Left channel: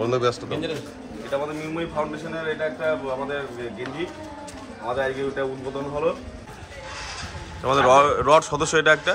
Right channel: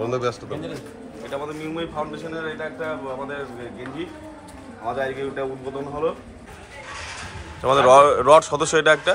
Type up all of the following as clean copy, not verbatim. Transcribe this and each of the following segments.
বন্ধ ব্যস্ত তো। এটা আমাদের মৃন্ময়ী ফাউন্ডেশনের এটা একটা আমাদের গেঞ্জি, আমাদের আজকে এটা উদ্বোধন হলো। আমাদের রড সদস্য এটা একটা।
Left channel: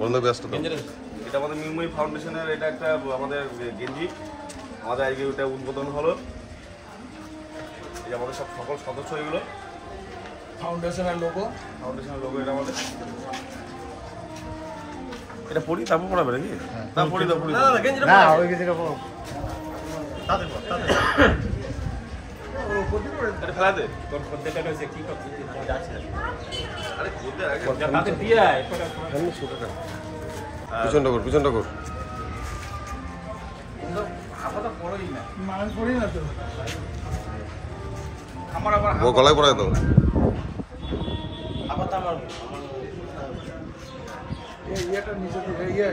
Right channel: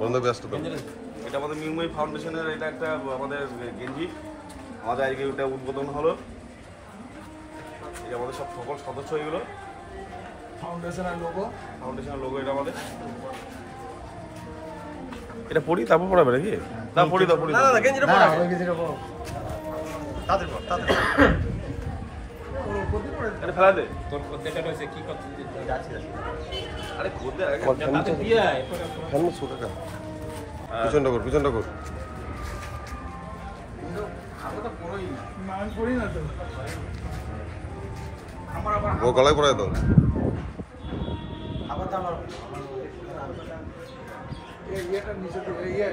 বন্ধ ব্যস্ত তো। এটা আমাদের মৃন্ময়ী ফাউন্ডেশনের এটা একটা আমাদের গেঞ্জি, আমাদের আজকে এটা উদ্বোধন হলো। এই আমাদের সকল সদস্য এগুলো ফাউন্ডেশনের লোগো এটা আমাদের। এটা পড়ি তারপর পড়াবে নাকি? না পড়ি দাও, পড়ি না গেঞ্জিটা পড়া ওই গেঞ্জিটা পড়ো তাদের পর তাদের ওর কোটি করে ফেলা দে। তোর পদ্ধতিটা হচ্ছে কি করছিস যাচ্ছে? আরে কোতে আগে তাতে দিয়ে আয় কেন সুটাটা পিছনটা কর আমরা পড়ই না মান করি না তো আমার আবার ও গলায় পড়ায় দাও আবার আমার এই ইয়াটা নিচে দিয়ে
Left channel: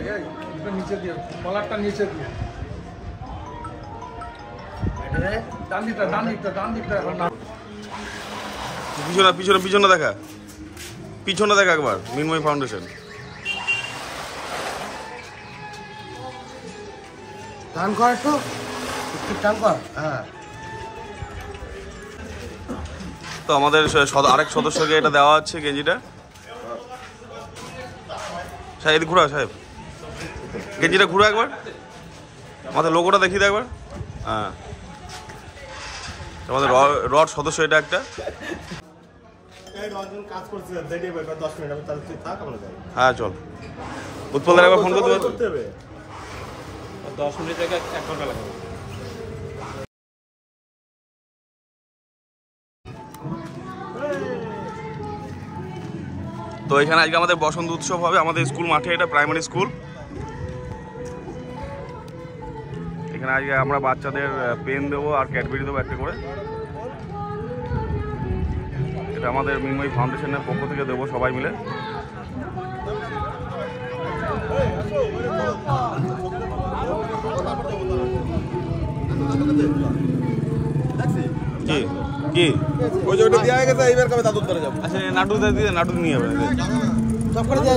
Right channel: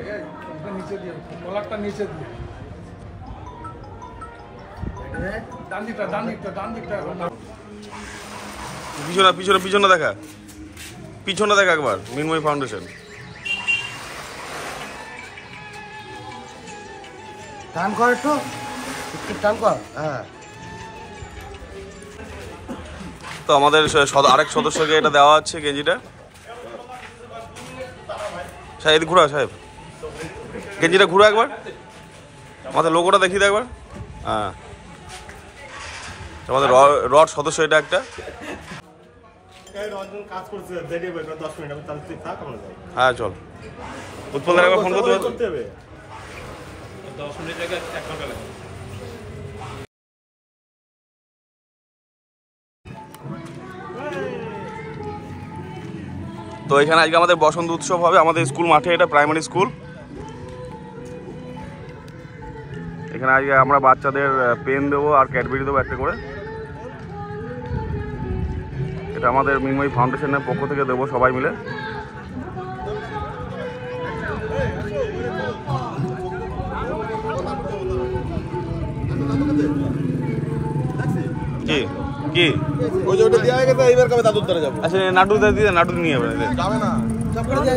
এটা নিচে দিয়ে কলারটা নিচে দিয়ে ডান দিকটা পিছনে দেখা একবার মৃন্ময়ী ফাউন্ডেশন। টান কর একটু টান কর। হ্যাঁ, তো আমাদের আরেক সদস্যকে এটা দেওয়া হচ্ছে গেঞ্জিটা। সাহেব ঘুরা, সাহেব গেঞ্জিটা ঘুরা একবার, আমাদের লোগোটা দেখিয়ে দেয় একবার। হ্যাঁ, আমাদের রড সদস্য এটা একটা। হ্যাঁ চল, উৎপল একবার ফোন করতে হবে। 10 মিনিট থেকে 1 ঘন্টা লাগবে। তো এখানে আজকে আমাদের বসন্ত উৎসব হবে আমাদের স্কুল মাঠে, এটা প্রাইমারি স্কুল। এখানে আজকে আমরা বাচ্চাদের পেন দেবো আর ক্যাডবেরি দেবো একটা করে। এটা আমাদের মৃন্ময়ী ফাউন্ডেশনের পক্ষ থেকে দেবো সবাই মিলে। কি কি ওই যে ওটা দেয়া হয়ে গেছে, এইবার কবে দাদুর ধরে যাবে? আচ্ছা নাটু দিয়ে নাটু নিয়ে যাবে সব করে দিয়ে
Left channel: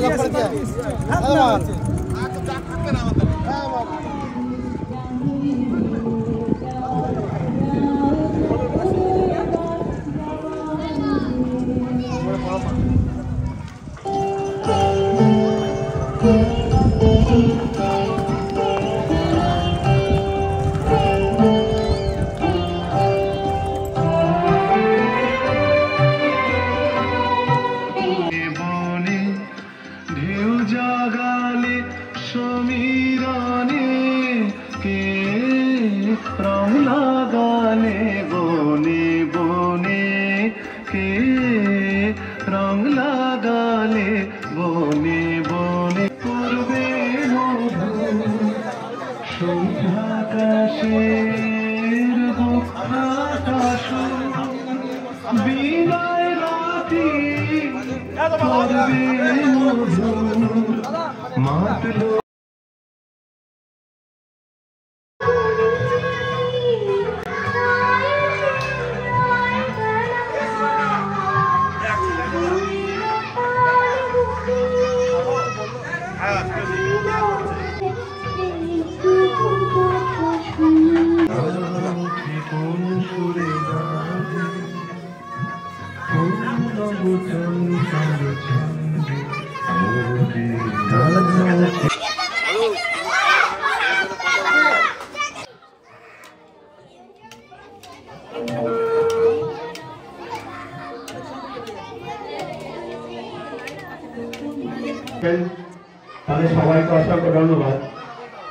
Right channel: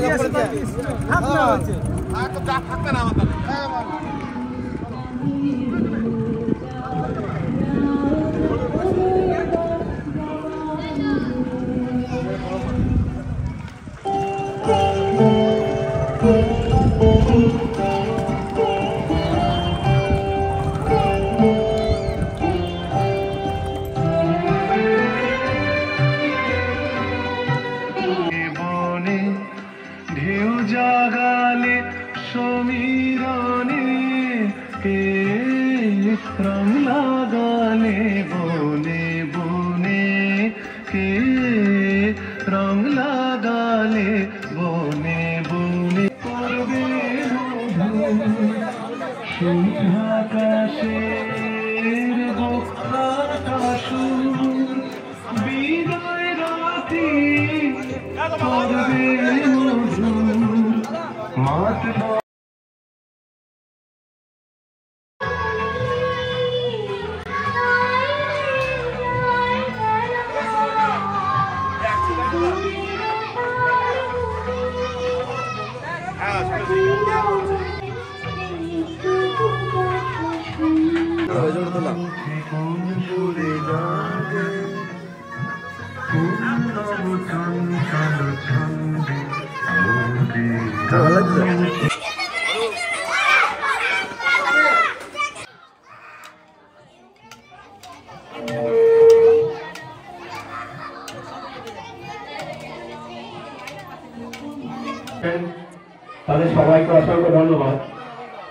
তাদের সবাইকে অসংখ্য ধন্যবাদ।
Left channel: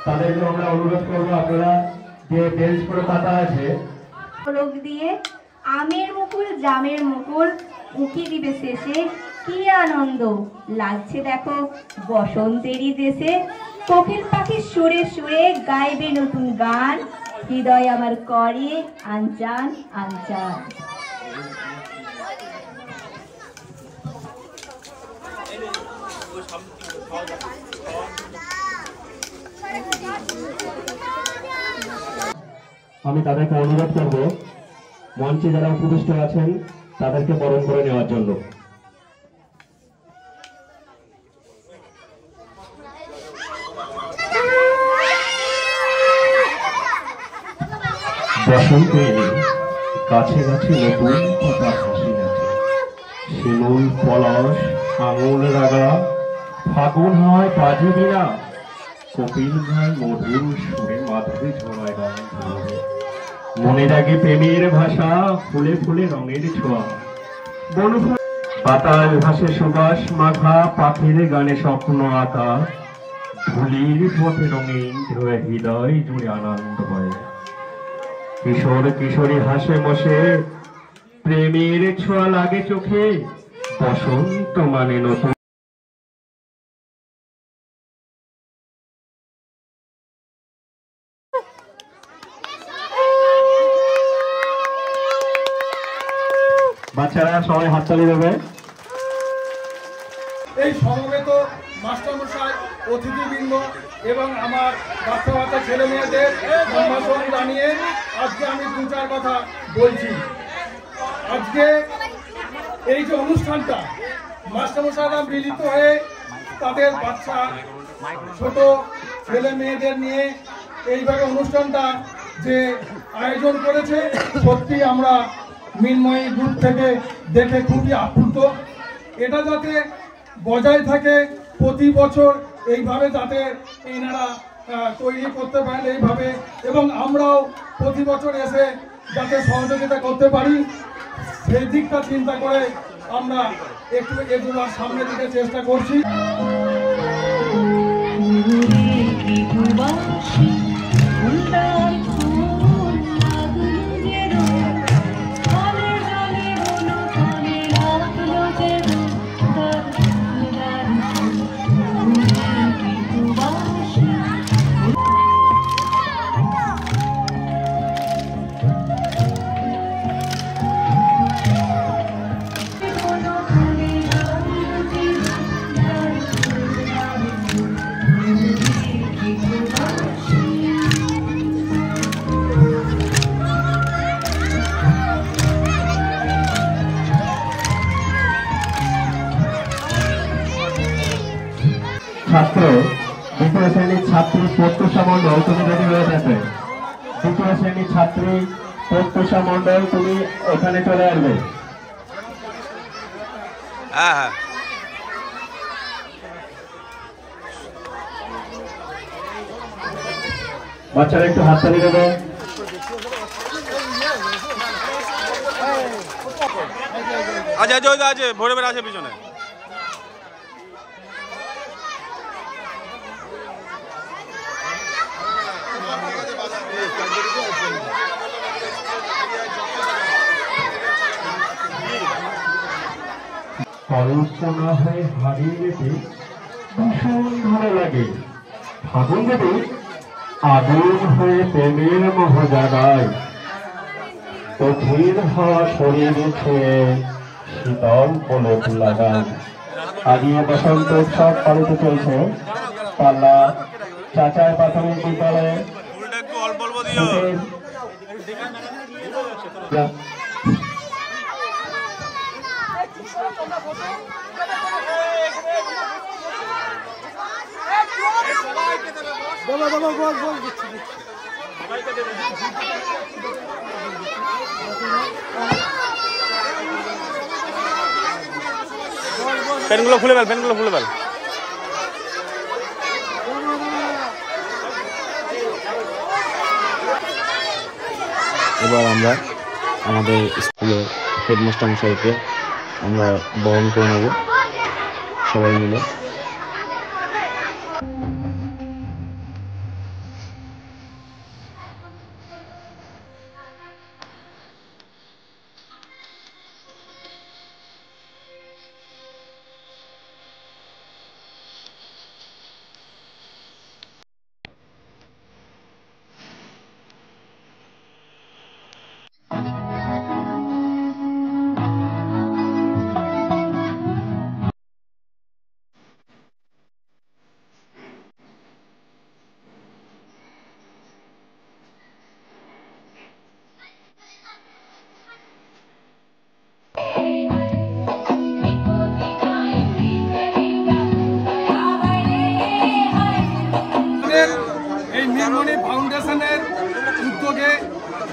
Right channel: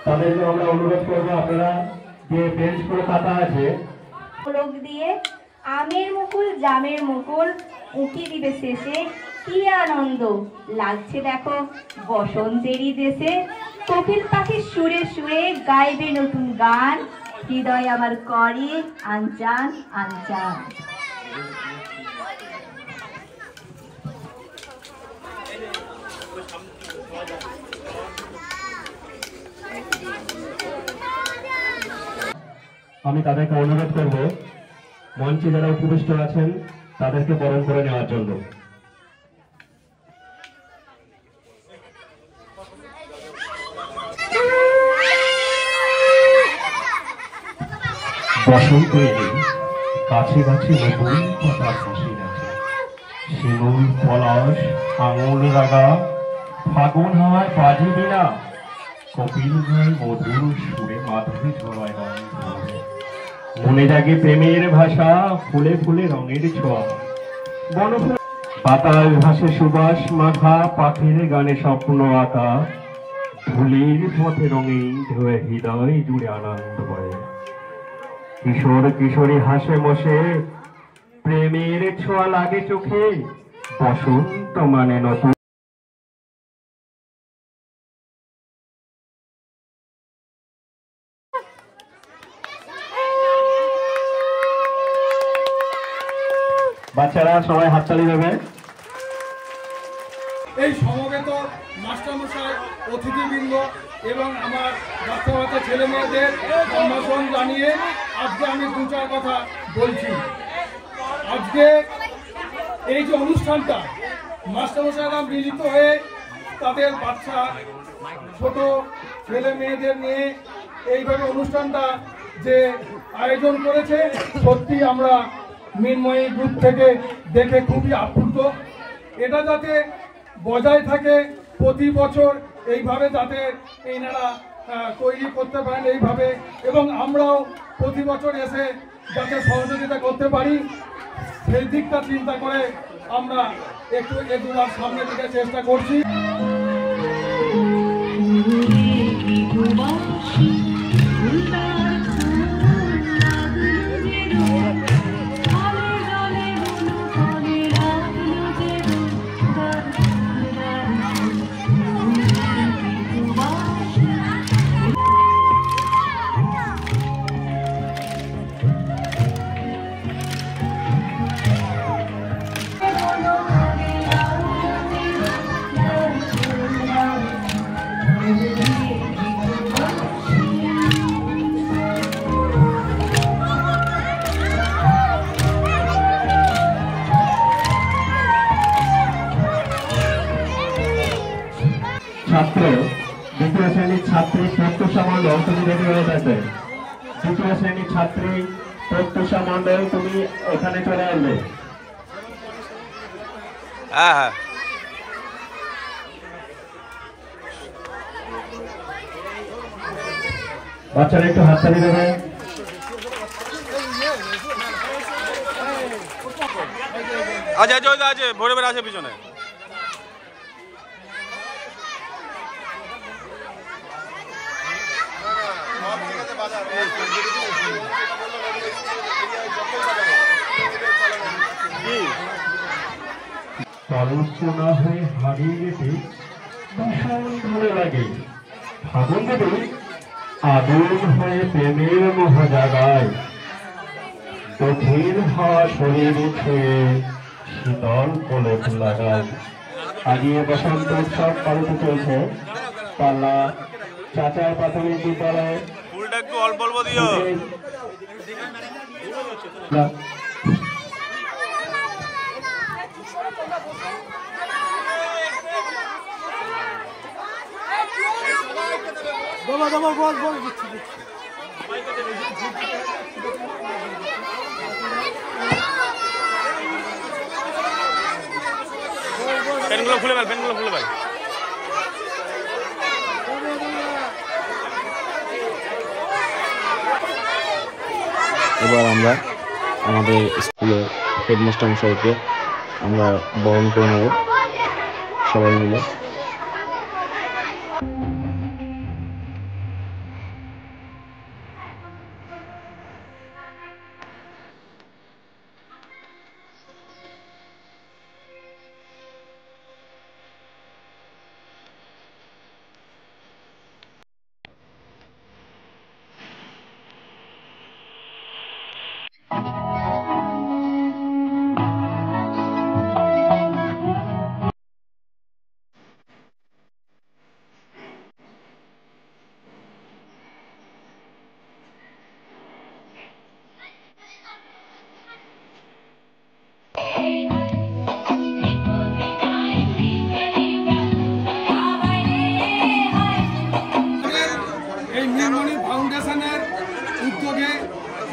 তাদেরকে আমরা অনুরোধ করবো আপনারা যে বেঞ্চগুলো পাতা আছে দিয়ে আমের মুকুল জামের মুকুল উকি দিবে শেষে কি আনন্দ লাগছে দেখো বসন্তেরই দেশে কোকিল পাখির সুরে সুরে গাইবে নতুন গান হৃদয় আমার করে আনচান আনচান। আমি তাদেরকে অনুরোধ করব মঞ্চে যারা উপবিষ্ট আছেন তাদেরকে বরণ করে নেওয়ার জন্য। বসন্তে গাছে গাছে নতুন পাতা হাসি আছে, শিমুল পলাশ আঙুল রাগা, ফাগুন হয় বাজে বিনা, কপিল গায় মধুর সুরে মাধুরী ঝরায় গান। মনে জাগে প্রেমের ভাষা, ফুলে ফুলে রঙের ছোঁয়া, বনফুল পাতায় ভাসে সুবাস মাখা, পাখির গানে স্বপ্ন আঁকা, ধুলির পথে রঙিন ঢেউয়ে হৃদয় জুড়ে আনন্দ বয়ে। কিশোর কিশোরী হাসে বসে, প্রেমের ছোঁয়া লাগে চোখে, বসন্ত মানে নতুন। বাচ্চারা সবাই হাততালি দেবে। এই সমবেত মাস্টারমশাই, অতিথিবৃন্দ এবং আমার বাচ্চা বাচ্চা ছেলে মেয়েদের সম্ভাষণ জানিয়ে আজকে আমি দু চার কথা বলছি। আজকে এই যে অনুষ্ঠানটা মাস্টারমশাইরা মিলিত হয়ে তাদের বাচ্চা ছোট ছেলে মেয়েদের নিয়ে এইভাবে অনুষ্ঠানটা যে আয়োজন করেছে, সত্যি আমরা মৃন্ময়ী গ্রুপ থেকে দেখে খুবই আপ্লুত। এটা যাতে বজায় থাকে, প্রতি বছর এইভাবে যাতে এনারা তৈরি করতে পারেন এইভাবে, এবং আমরাও প্রতি বছর এসে যাতে সহযোগিতা করতে পারি, সেই দিকটা চিন্তা করে আমরা একটু দুবার সামনের দিকে চেষ্টা করছি। ছাত্র দ্বিতীয় শ্রেণীর ছাত্রী প্রত্যুষা মণ্ডল, তুমি রেডি হয়ে থাকে। দ্বিতীয় শ্রেণীর ছাত্রী প্রত্যুষা মণ্ডল, তুমি এখানে চলে আসবে। হ্যাঁ হ্যাঁ, বাচ্চারা একটু হাততালি দেবে। আছে আছে আছে, ভরে ভরে আছে পিছনে। কল্পনা হয়ে হারিয়ে যেতে ভীষণ ভালো লাগে। ফাগুন দেবে আগুন হয়ে প্রেমের মোহ জাগায়, কঠিন হাওয়া শরীর ছুঁয়ে শীতল পলক লাগায়। আগিয়ে বসন্ত উৎসব পালিত চলছে পাল্লা চাচাই প্রাথমিক বিদ্যালয়ে। ফুলটা একটু অল্প অল্প দিও। পেনগুলো খুলে ফেল, পেনগুলো খুলে ফেল। এবার আমরা আমাদের স্কুলের হেডমাস্টার মশাইকে আমরা বরণ করে নেব সবাই মিলে।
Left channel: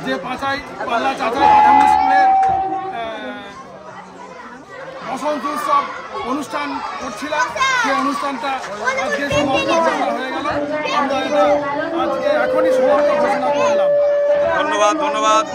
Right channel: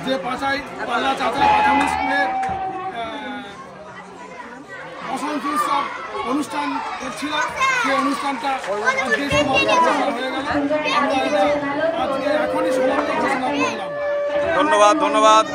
যে পাল্লা চাচাই প্রাথমিক স্কুলের বসন্ত উৎসব অনুষ্ঠান করছিলাম, সেই অনুষ্ঠানটা আজকে সমাপ্ত ঘোষণা হয়ে গেল। আমরা এটা আজকে এখনই সমাপ্ত ঘোষণা করলাম। ধন্যবাদ।